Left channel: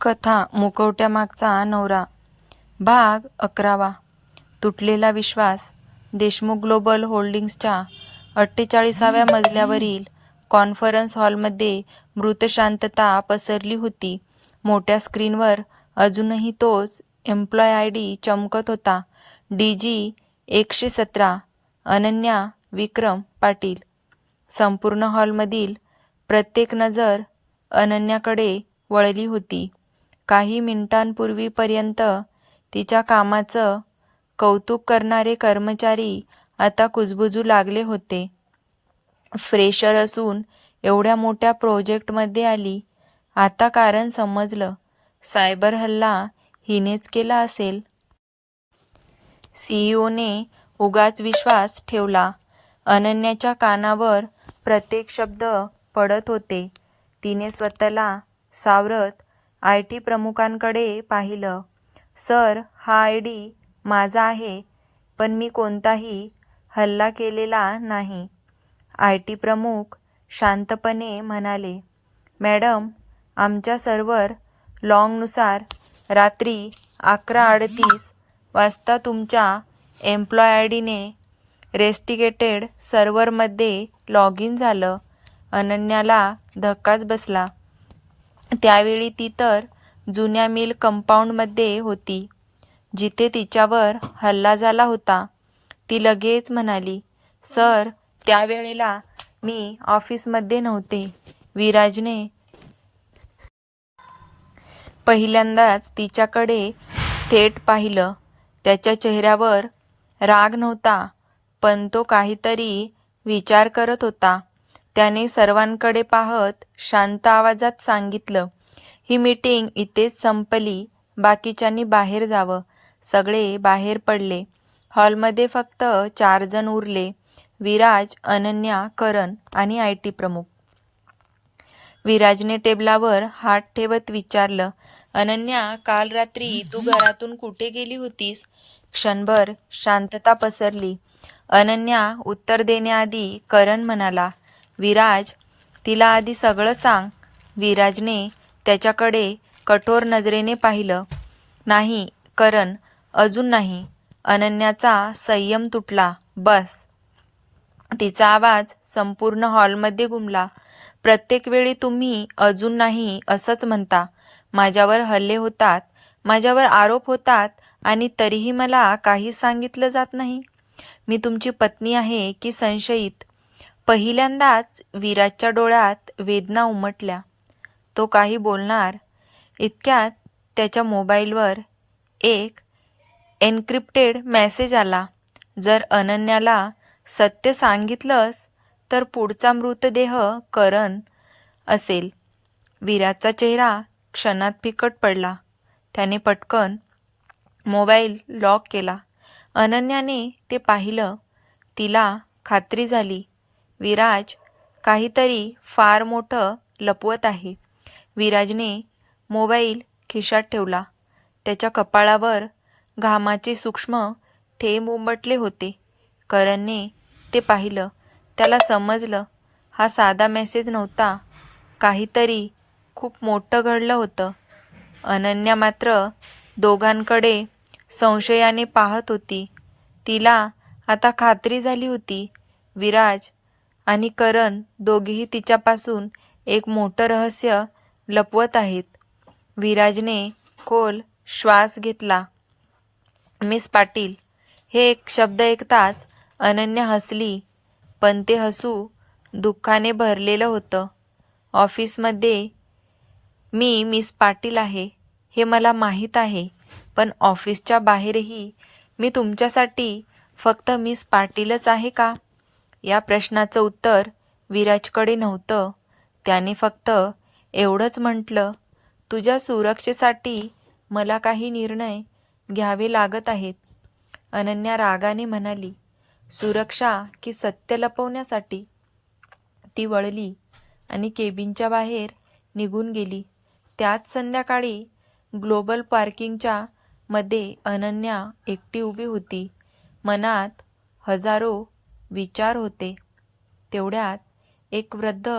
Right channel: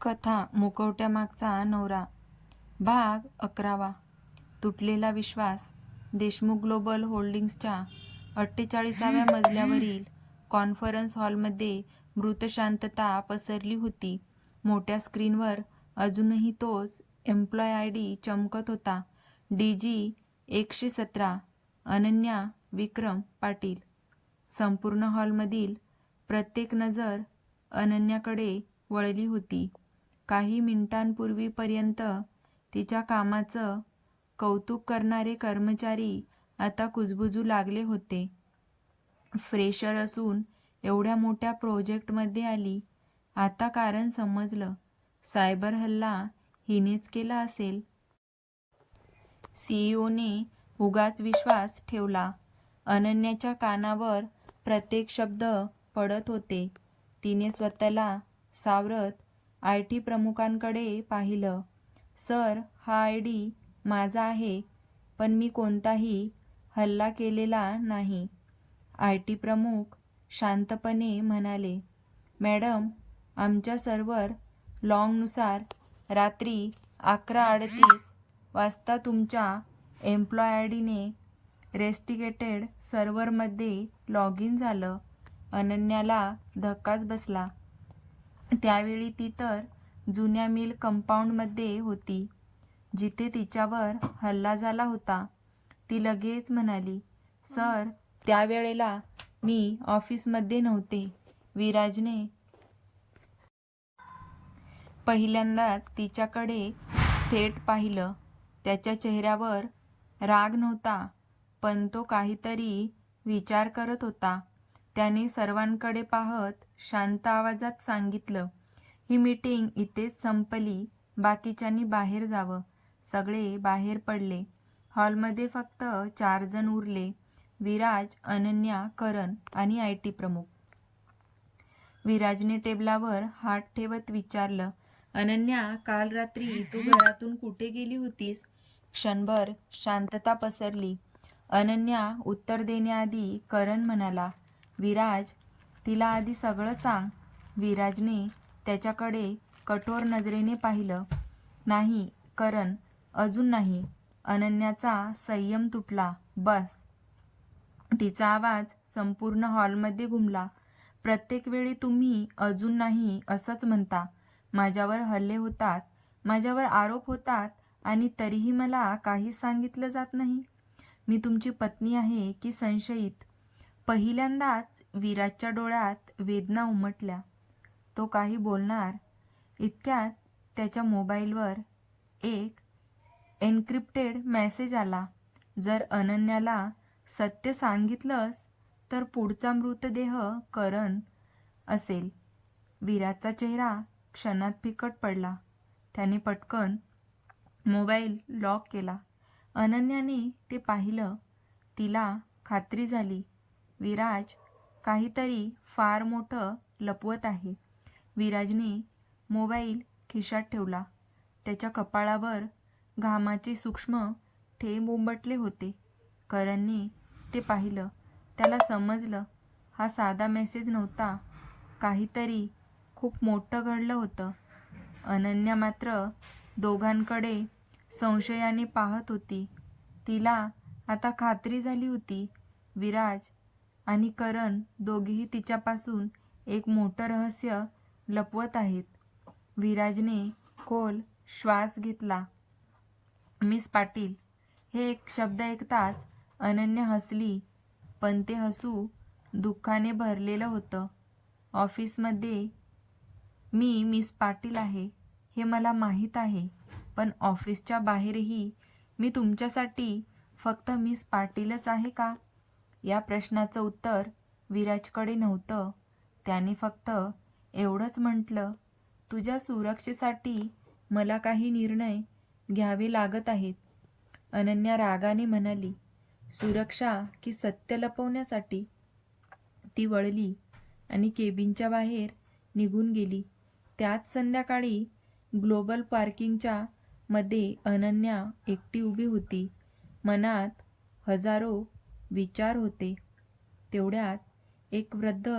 कथा मुखवट्यामागचा नवरा भाग 11. तुटलेला विश्वास. देशमुख ग्लोबल होल्डिंग्सच्या 48व्या मजल्यावरील कॉन्फरन्स हॉलमध्ये मृत शांतता पसरली होती. मोठ्या स्क्रीनवर अजूनही तोच एम्प्लॉय आय.डी. चमकत होता. DG 117 अनन्या विक्रम पाटील. संपूर्ण हॉलमधील प्रत्येक नजर अनन्याकडे वळली होती. काही मिनिटांपूर्वीपर्यंत तिच्या कामाचं कौतुक करणारे कर्मचारी आता कुजबुजू लागले होते. फ्रेशर असून एवढ्या मोठ्या प्रोजेक्टमध्ये आली. आता कारण समजलं. सायबर हल्ला हिनेच केला असेल. CEO ने उगाच विश्वास ठेवला. अनन्याच्या कानावर प्रत्येक शब्द पडत होते. तिने स्वतःला सावरत IT प्रमुखांकडे पाहिलं. सर, हा आय.डी. माझा आहे, पण मी कोणताही हल्ला केलेला नाही. IT प्रमुख शांतपणे म्हणाले. मॅडम, आमच्या सर्व्हर लॉगनुसार रात्री 11:38 वाजता तुमच्या एम्प्लॉय आय.डी.ने रेस्टिकेटेड सर्व्हरमध्ये लॉग इन झालं. अनन्याला धक्काच बसला. त्यावेळी ती तर जुन्या मिल कंपाऊंडमध्ये होती, जिथे तिच्यावर हल्ला झाला होता. ती लगेच म्हणाली, सर, त्यावेळेला मी ऑफिसमध्ये नव्हते. विराजने पहिल्यांदाच तिच्याकडे थेट पाहिलं. त्याच्या चेहऱ्यावर राग नव्हता, पण तो काहीतरी विचार करत होता. त्याने सर्वांकडे पाहत शांत आवाजात सांगितलं, ही मीटिंग इथेच संपली. बाकीच्यांनी बाहेर जावं. सगळे बाहेर पडले. हॉलमध्ये फक्त 4 जण उरले. विराज, अनन्या, करण आणि IT प्रमुख. विराजने टेबलावर हात ठेवत विचारलं, अनन्या, काल रात्री तू घरातून कुठे गेली होतीस? क्षणभर शांतता पसरली. अनन्या उत्तर देण्याआधी करण म्हणाला, विराज, तिला आधी सगळं सांग. विराजने त्याच्याकडे कठोर नजरेने पाहिलं. नाही करण, अजून नाही. अनन्याचा संयम तुटला. बस. तिचा आवाज संपूर्ण हॉलमध्ये घुमला. प्रत्येक वेळी तुम्ही अजून नाही असंच म्हणता. माझ्यावर हल्ले होतात, माझ्यावर आरोप होतात आणि तरीही मला काही सांगितलं जात नाही. मी तुमची पत्नी आहे की संशयित? पहिल्यांदाच विराजच्या डोळ्यात वेदना उमटल्या. तो काही बोलणार इतक्यात त्याच्या मोबाईलवर एक एन्क्रिप्टेड मेसेज आला. जर अनन्याला सत्य सांगितलंस तर पुढचा मृतदेह करण असेल. विराजचा चेहरा क्षणात फिकट पडला. त्याने पटकन मोबाईल लॉक केला. अनन्याने ते पाहिलं. तिला खात्री झाली, विराज काहीतरी फार मोठं लपवत आहे. विराजने मोबाईल खिशात ठेवला. त्याच्या कपाळावर घामाचे सूक्ष्म थेंब उमटले होते. करणने ते पाहिलं. त्याला समजलं, हा साधा मेसेज नव्हता. काहीतरी खूप मोठं घडलं होतं. अनन्या मात्र दोघांकडे संशयाने पाहत होती. तिला आता खात्री झाली होती, विराज आणि करण दोघेही तिच्यापासून एक मोठं रहस्य लपवत आहेत. विराजने खोल श्वास घेतला. मिस पाटील, हे एक शब्द ऐकताच अनन्या हसली, पण ते हसू दुःखाने भरलेलं होतं. ऑफिसमध्ये मी मिस पाटील आहे हे मला माहीत आहे, पण ऑफिसच्या बाहेरही मी तुमच्यासाठी फक्त मिस पाटीलच आहे का? या प्रश्नाचं उत्तर विराजकडे नव्हतं. त्याने फक्त एवढंच म्हटलं, तुझ्या सुरक्षेसाठी मला काही निर्णय घ्यावे लागत आहेत. अनन्या रागाने म्हणाली, सुरक्षा की सत्य लपवण्यासाठी? ती वळली आणि केबिनच्या बाहेर निघून गेली. त्याच संध्याकाळी ग्लोबल पार्किंगच्या मध्ये अनन्या एकटी उभी होती. मनात हजारो विचार होते. तेवढ्यात एक वृद्ध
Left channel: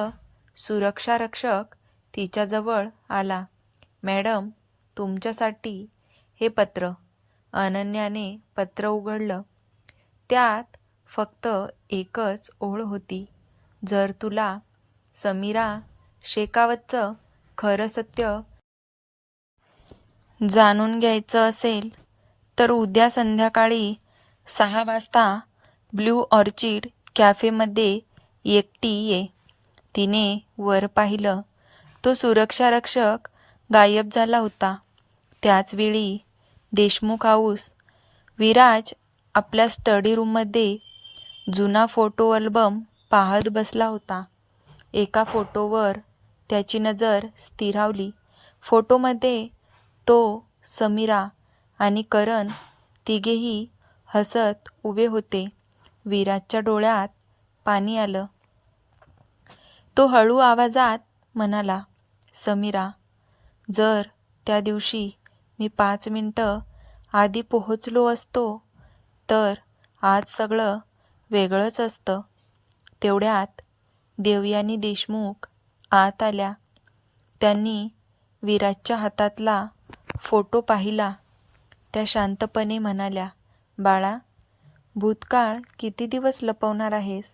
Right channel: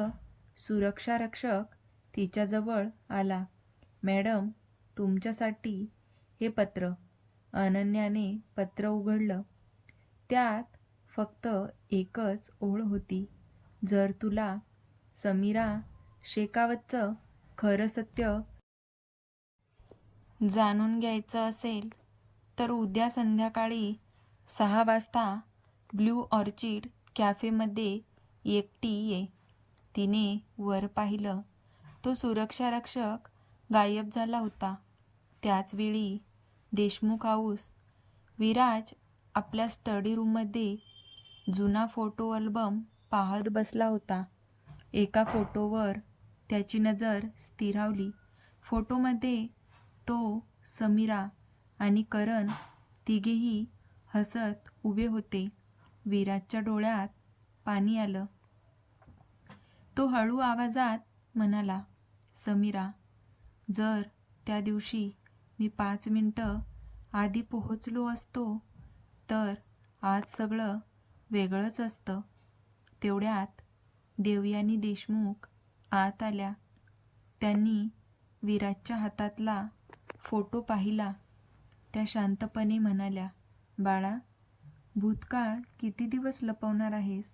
सुरक्षारक्षक तिच्याजवळ आला. मॅडम, तुमच्यासाठी हे पत्र. अनन्याने पत्र उघडलं. त्यात फक्त एकच ओळ होती. जर तुला समीरा शेखावतचं खरं सत्य जाणून घ्यायचं असेल तर उद्या संध्याकाळी 6 वाजता ब्लू ऑर्चिड कॅफेमध्ये एकटी ये. तिने वर पाहिलं. तो सुरक्षारक्षक गायब झाला होता. त्याचवेळी देशमुख हाऊस. विराज आपल्या स्टडी रूममध्ये जुना फोटो अल्बम पाहत बसला होता. एका फोटोवर त्याची नजर स्थिरावली. फोटोमध्ये तो, समीरा आणि करण तिघेही हसत उभे होते. विराजच्या डोळ्यात पाणी आलं. तो हळू आवाजात म्हणाला, समीरा, जर त्या दिवशी मी 5 मिनिटं आधी पोहोचलो असतो तर आज सगळं वेगळंच असतं. तेवढ्यात देवयानी देशमुख आत आल्या. त्यांनी विराजच्या हातातला फोटो पाहिला. त्या शांतपणे म्हणाल्या, बाळा, भूतकाळ किती दिवस लपवणार आहेस?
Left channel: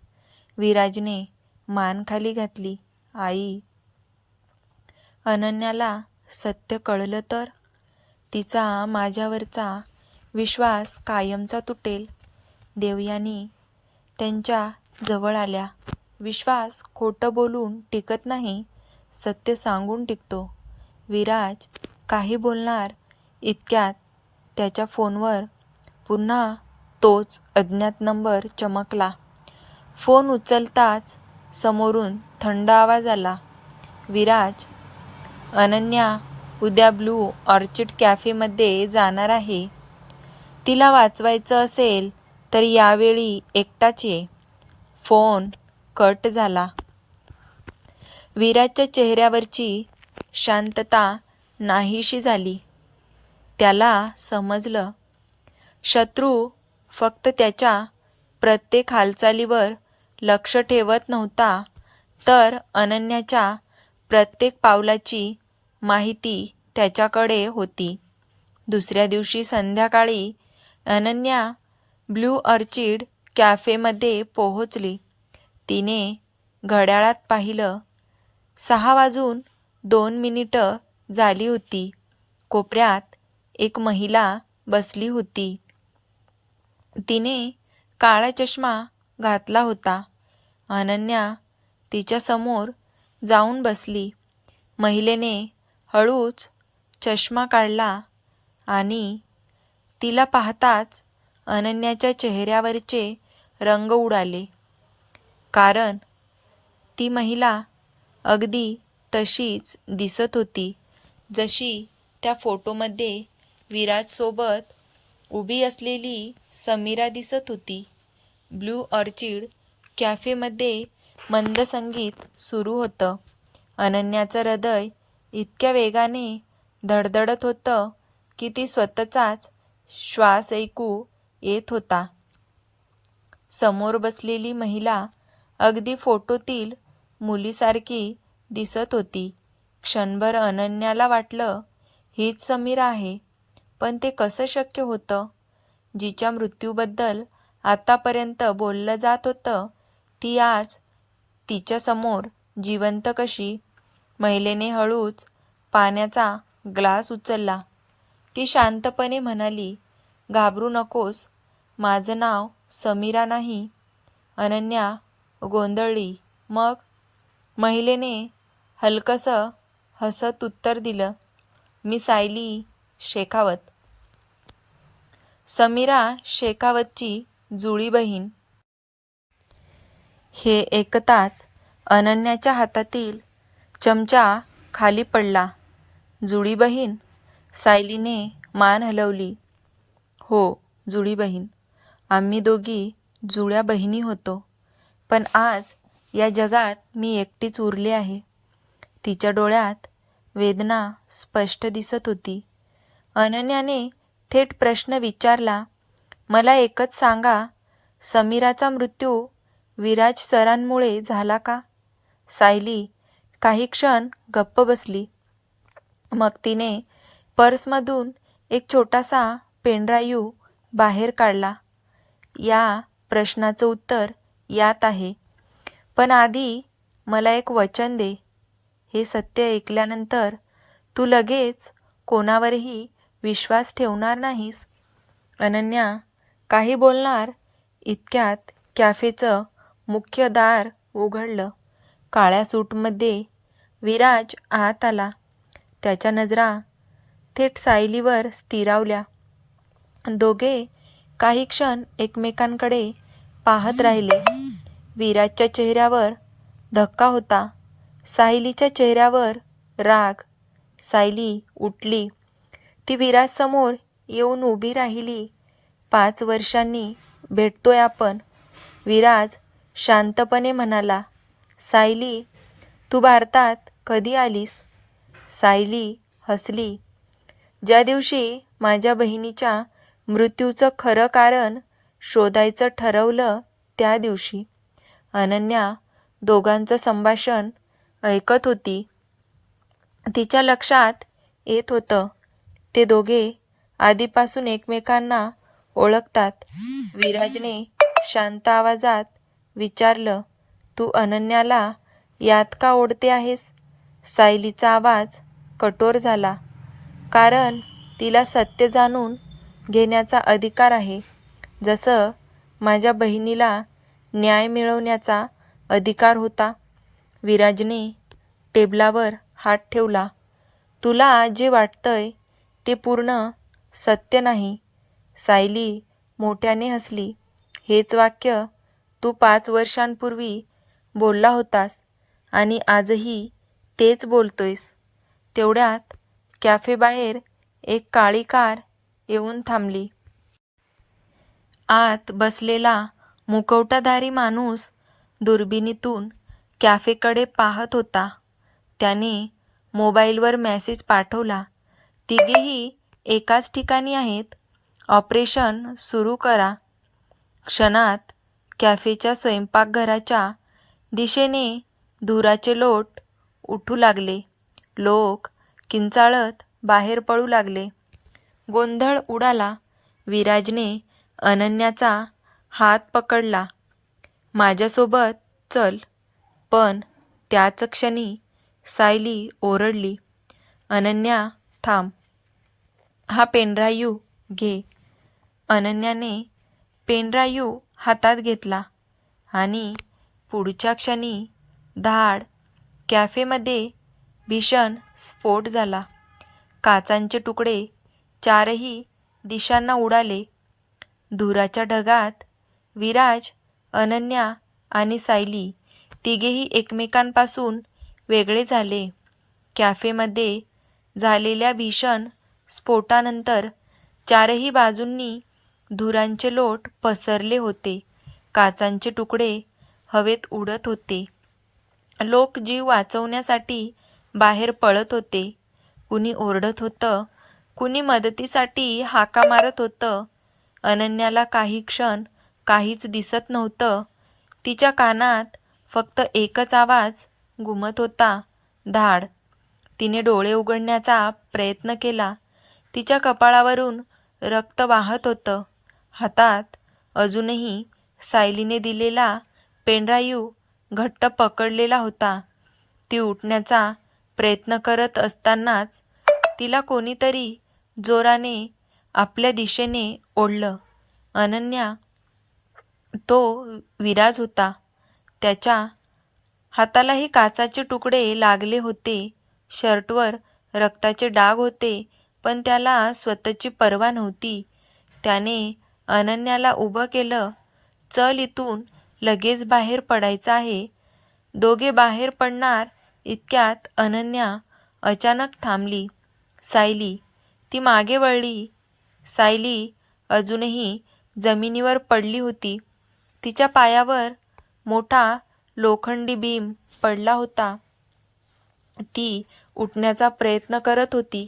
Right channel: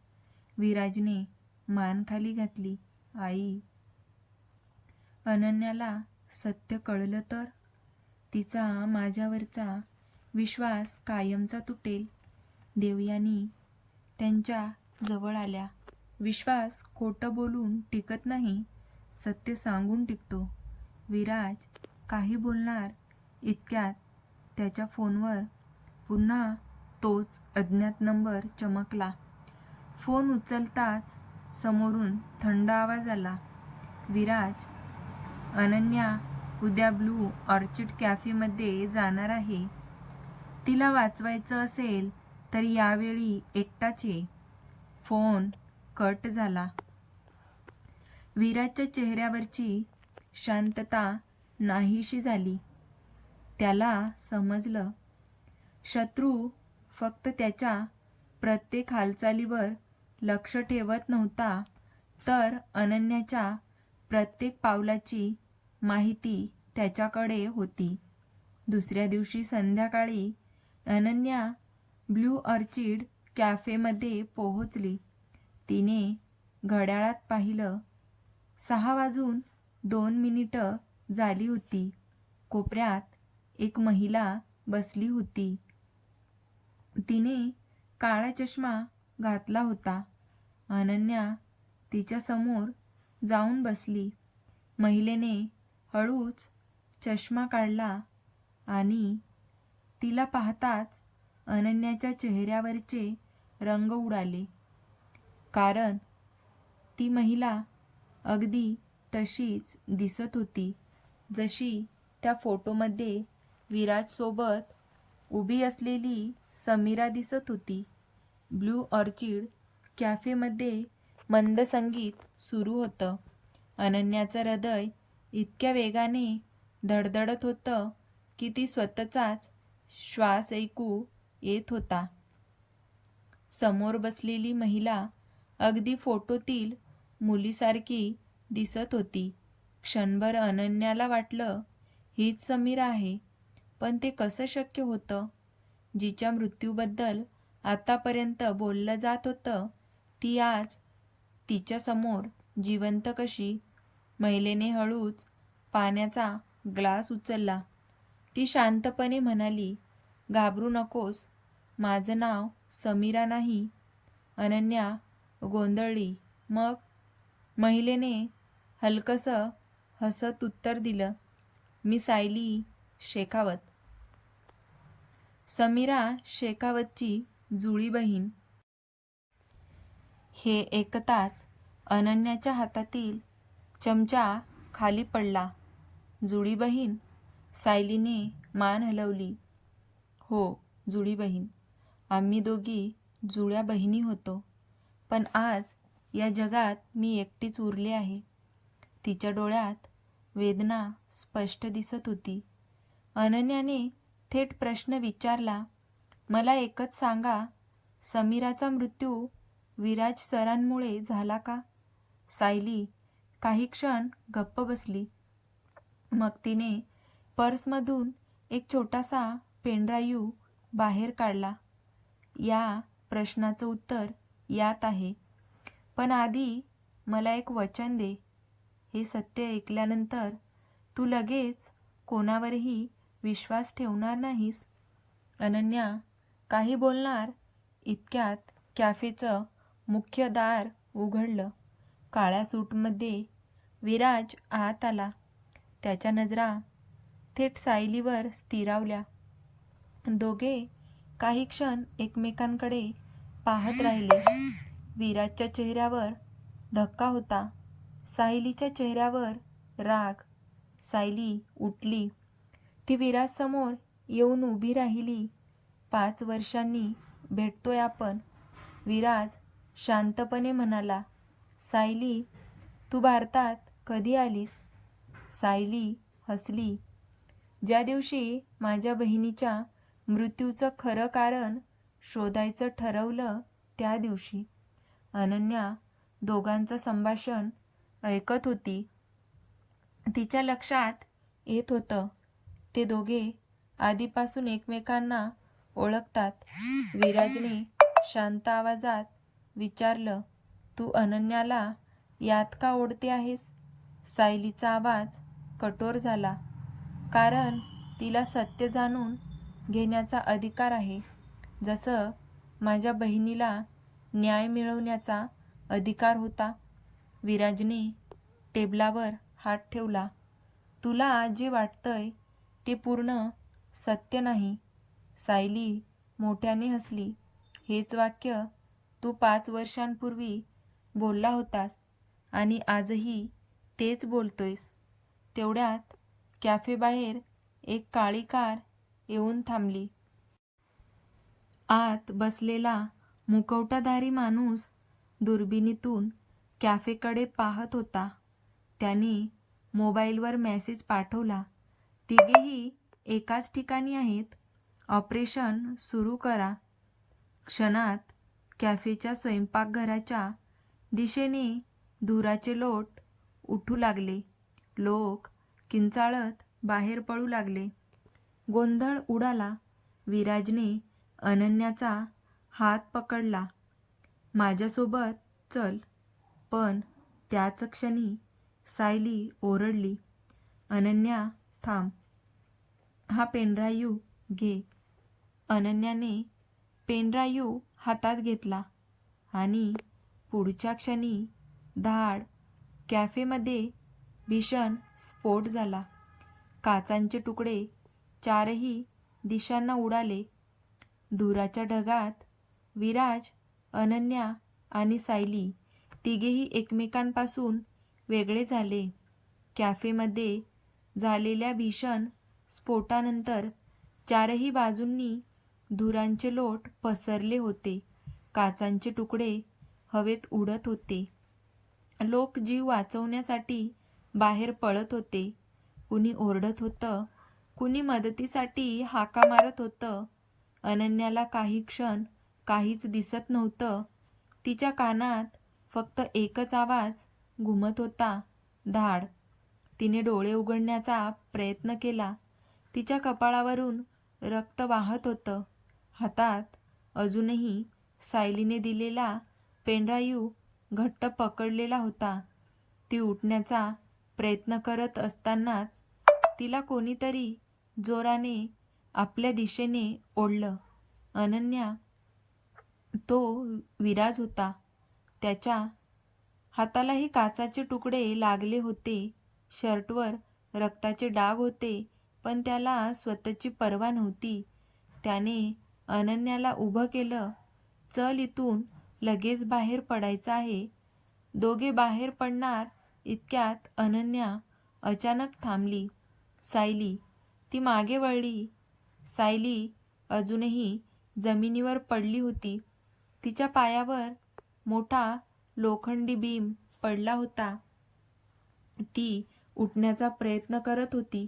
विराजने मान खाली घातली. आई, अनन्याला सत्य कळलं तर? तिचा माझ्यावरचा विश्वास कायमचा तुटेल. देवयानी त्यांच्या जवळ आल्या. विश्वास खोटं बोलून टिकत नाही, सत्य सांगून टिकतो. विराज काही बोलणार इतक्यात त्याच्या फोनवर पुन्हा तोच अज्ञात नंबर चमकला. फोन उचलताच समोरून थंड आवाज आला, विराज, अनन्या उद्या ब्लू ऑर्चिड कॅफेमध्ये जाणार आहे. तिला वाचवायचं असेल तर यावेळी एकटाच ये. फोन कट झाला. विराजच्या चेहऱ्यावरची शांतता नाहीशी झाली. त्याला समजलं, शत्रू फक्त त्याच्या प्रत्येक हालचालीवर लक्ष ठेवत नव्हता, तर अनन्याच्या प्रत्येक पावलाची माहिती त्याच्याकडे होती. दुसऱ्या दिवशी संध्याकाळी अनन्या ब्लू ऑर्चिड कॅफेमध्ये पोहोचली. तिने घड्याळात पाहिलं. 6:02 झाली होती. कोपऱ्यात एक महिला बसली होती. तिने काळा चष्मा घातला होता. अनन्या तिच्या समोर जाऊन बसली. महिलेने हळूच चष्मा काढला आणि तिला पाहताच अनन्याच्या चेहऱ्यावरचे रंग उडाले. कारण ती महिला अगदी तशीच दिसत होती जशी त्या फोटोमध्ये विराजसोबत उभी असलेली समीरा दिसत होती. ब्लू ऑर्चिड कॅफेमध्ये मंद संगीत सुरू होतं. अनन्याचं हृदय इतक्या वेगाने धडधडत होतं की ती स्वतःचाच श्वास ऐकू येत होता. समोर बसलेली महिला अगदी फोटोतील मुलीसारखी दिसत होती. क्षणभर अनन्याला वाटलं, हीच समीरा आहे. पण ते कसं शक्य होतं? जिच्या मृत्यूबद्दल आतापर्यंत बोललं जात होतं, ती आज तिच्यासमोर जिवंत कशी? महिलेने हळूच पाण्याचा ग्लास उचलला. ती शांतपणे म्हणाली, घाबरू नकोस, माझं नाव समीरा नाही. अनन्या गोंधळली. मग? महिलेने हलकसं हसत उत्तर दिलं, मी सायली शेखावत. समीरा शेखावतची जुळी बहीण. हे ऐकताच अनन्याच्या हातातील चमचा खाली पडला. जुळी बहीण? सायलीने मान हलवली. हो, जुळी बहीण. आम्ही दोघी जुळ्या बहिणी होतो. पण आज या जगात मी एकटीच उरले आहे. तिच्या डोळ्यात वेदना स्पष्ट दिसत होती. अनन्याने थेट प्रश्न विचारला, मला एकच सांगा, समीराचा मृत्यू विराज सरांमुळे झाला का? सायली काही क्षण गप्प बसली. मग तिने पर्समधून एक छोटासा पेनड्राईव्ह बाहेर काढला. या प्रश्नाचं उत्तर यात आहे, पण आधी मला एक वचन दे. हे सत्य ऐकल्यानंतर तू लगेच कोणावरही विश्वास ठेवणार नाहीस. अनन्या काही बोलणार इतक्यात कॅफेचं मुख्य दार उघडलं. काळ्या सूटमध्ये विराज आत आला. त्याच्या नजरा थेट सायलीवर स्थिरावल्या. दोघे काही क्षण एकमेकांकडे पाहत राहिले. विराजच्या चेहऱ्यावर धक्का होता, सायलीच्या चेहऱ्यावर राग. सायली उठली. ती विराजसमोर येऊन उभी राहिली. 5 वर्षांनी भेटतोय आपण, विराज शांतपणे म्हणाला. सायली, तू भारतात कधी आलीस? सायली हसली. ज्या दिवशी माझ्या बहिणीच्या मृत्यूचं खरं कारण शोधायचं ठरवलं त्या दिवशी. अनन्या दोघांचं संभाषण ऐकत होती. तिच्या लक्षात येत होतं, ते दोघे आधीपासून एकमेकांना ओळखतात. विराजने शांत आवाजात विचारलं, तू अनन्याला यात का ओढते आहेस? सायलीचा आवाज कठोर झाला. कारण तिला सत्य जाणून घेण्याचा अधिकार आहे, जसं माझ्या बहिणीला न्याय मिळवण्याचा अधिकार होता. विराजने टेबलावर हात ठेवला. तुला जे वाटतंय ते पूर्ण सत्य नाही. सायली मोठ्याने हसली. हेच वाक्य तू 5 वर्षांपूर्वी बोलला होतास आणि आजही तेच बोलतोयस. तेवढ्यात कॅफेबाहेर एक काळी कार येऊन थांबली. आत बसलेला मुखवटाधारी माणूस दुर्बिणीतून कॅफेकडे पाहत होता. त्याने मोबाईलवर मेसेज पाठवला, तिघेही एकाच ठिकाणी आहेत, ऑपरेशन सुरू करा. क्षणात कॅफेच्या स्वयंपाकघराच्या दिशेने धुराचे लोट उठू लागले. लोक किंचाळत बाहेर पळू लागले. गोंधळ उडाला. विराजने अनन्याचा हात पकडला. माझ्यासोबत चल. पण त्याच क्षणी सायली ओरडली, अनन्या थांब. हा पेनड्राईव्ह घे. अनन्याने पेनड्राईव्ह हातात घेतला आणि पुढच्या क्षणी धाड. कॅफेमध्ये भीषण स्फोट झाला. काचांचे तुकडे चारही दिशांना उडाले. धुराच्या ढगात विराज, अनन्या आणि सायली तिघेही एकमेकांपासून वेगळे झाले. कॅफेमध्ये झालेल्या भीषण स्फोटानंतर चारही बाजूंनी धुरांचे लोट पसरले होते. काचांचे तुकडे हवेत उडत होते. लोक जीव वाचवण्यासाठी बाहेर पळत होते. कुणी ओरडत होतं, कुणी मदतीसाठी हाका मारत होतं. अनन्याला काही क्षण काहीच दिसत नव्हतं. तिच्या कानात फक्त एकच आवाज घुमत होता, धाड. तिने डोळे उघडण्याचा प्रयत्न केला. तिच्या कपाळावरून रक्त वाहत होतं. हातात अजूनही सायलीने दिलेला पेनड्राईव्ह घट्ट पकडलेला होता. ती उठण्याचा प्रयत्न करत असतानाच तिला कोणीतरी जोराने आपल्या दिशेने ओढलं. अनन्या, तो विराज होता. त्याच्या हातालाही काचाचे तुकडे लागले होते. शर्टवर रक्ताचे डाग होते, पण त्याला स्वतःची पर्वा नव्हती. त्याने अनन्याला उभं केलं. चल, इथून लगेच बाहेर पडायचं आहे. दोघे बाहेर पडणार इतक्यात अनन्या अचानक थांबली. सायली. ती मागे वळली. सायली अजूनही जमिनीवर पडली होती. तिच्या पायावर मोठा लोखंडी बीम पडला होता. ती उठण्याचा प्रयत्न करत होती.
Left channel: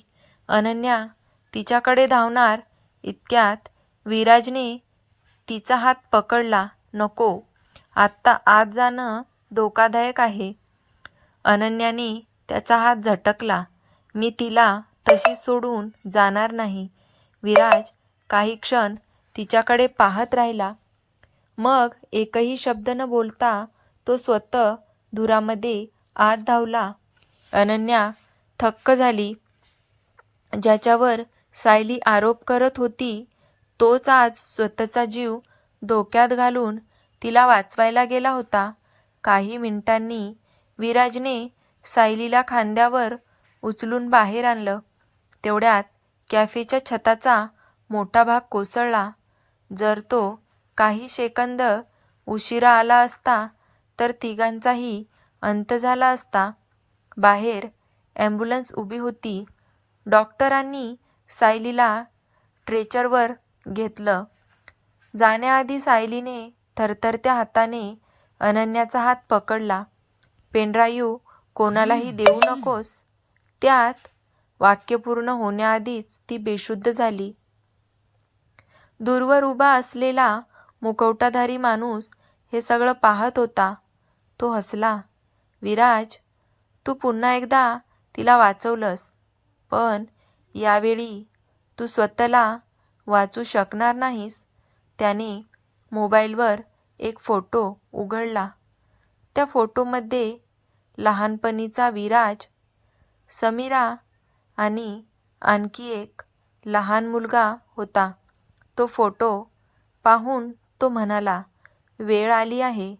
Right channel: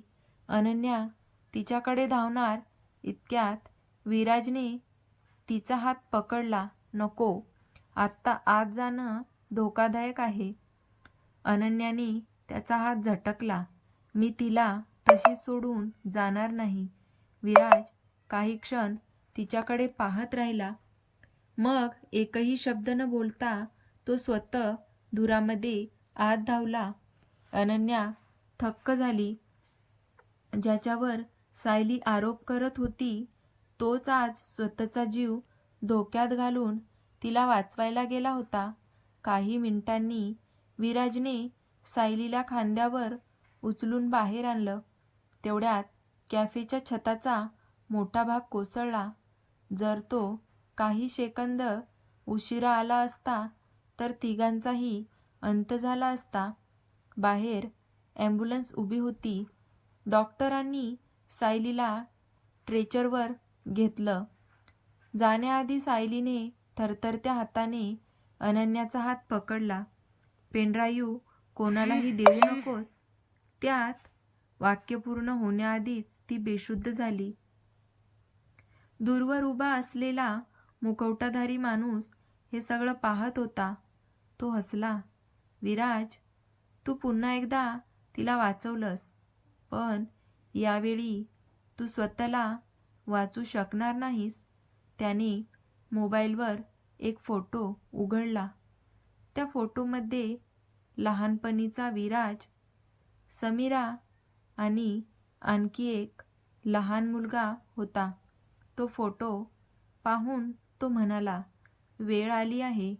अनन्या तिच्याकडे धावणार इतक्यात विराजने तिचा हात पकडला. नको, आत्ता आत जाणं धोकादायक आहे. अनन्याने त्याचा हात झटकला. मी तिला तशी सोडून जाणार नाही. विराज काही क्षण तिच्याकडे पाहत राहिला. मग एकही शब्द न बोलता तो स्वतः धुरामध्ये आत धावला. अनन्या थक्क झाली. ज्याच्यावर सायली आरोप करत होती तोच आज स्वतःचा जीव धोक्यात घालून तिला वाचवायला गेला होता. काही मिनिटांनी विराजने सायलीला खांद्यावर उचलून बाहेर आणलं. तेवढ्यात कॅफेच्या छताचा मोठा भाग कोसळला. जर तो काही सेकंद उशिरा आला असता तर तिघांचाही अंत झाला असता. बाहेर ॲम्ब्युलन्स उभी होती. डॉक्टरांनी सायलीला स्ट्रेचरवर घेतलं. जाण्याआधी सायलीने थरथरत्या हाताने अनन्याचा हात पकडला. पेनड्राईव्ह कोणालाही देऊ नकोस. त्यात वाक्य पूर्ण होण्याआधीच ती बेशुद्ध झाली. दूरवर उभा असलेला मुखवटाधारी माणूस हे सगळं पाहत होता. तो हसला. विराज, तू पुन्हा एकदा तिला वाचवलंस. पण यावेळी तू स्वतःला वाचू शकणार नाहीस. त्याने मोबाईलवर एक फोटो उघडला. त्या फोटोमध्ये लहानपणीचा विराज, समीरा आणि आणखी एक लहान मुलगा होता. तो फोटो पाहून तो म्हणाला, वेळ आली आहे.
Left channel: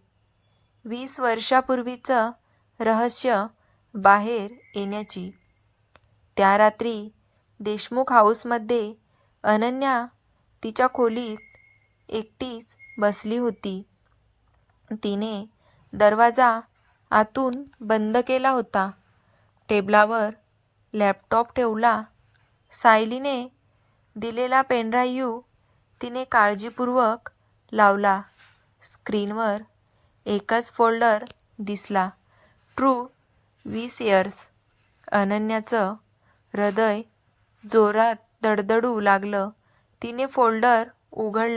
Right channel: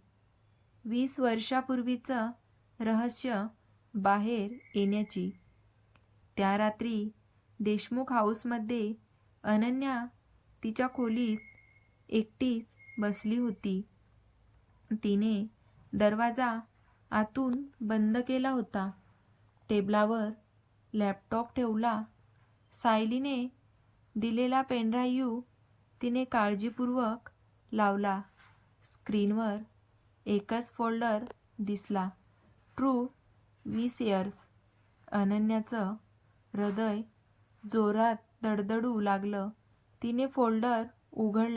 20 वर्षापूर्वीचं रहस्य बाहेर येण्याची. त्या रात्री देशमुख हाऊसमध्ये अनन्या तिच्या खोलीत एकटीच बसली होती. तिने दरवाजा आतून बंद केला होता. टेबलावर लॅपटॉप ठेवला. सायलीने दिलेला पेनड्राईव्ह तिने काळजीपूर्वक लावला. स्क्रीनवर एकच फोल्डर दिसला, ट्रू 20 इयर्स. अनन्याचं हृदय जोरात धडधडू लागलं. तिने फोल्डर उघडला.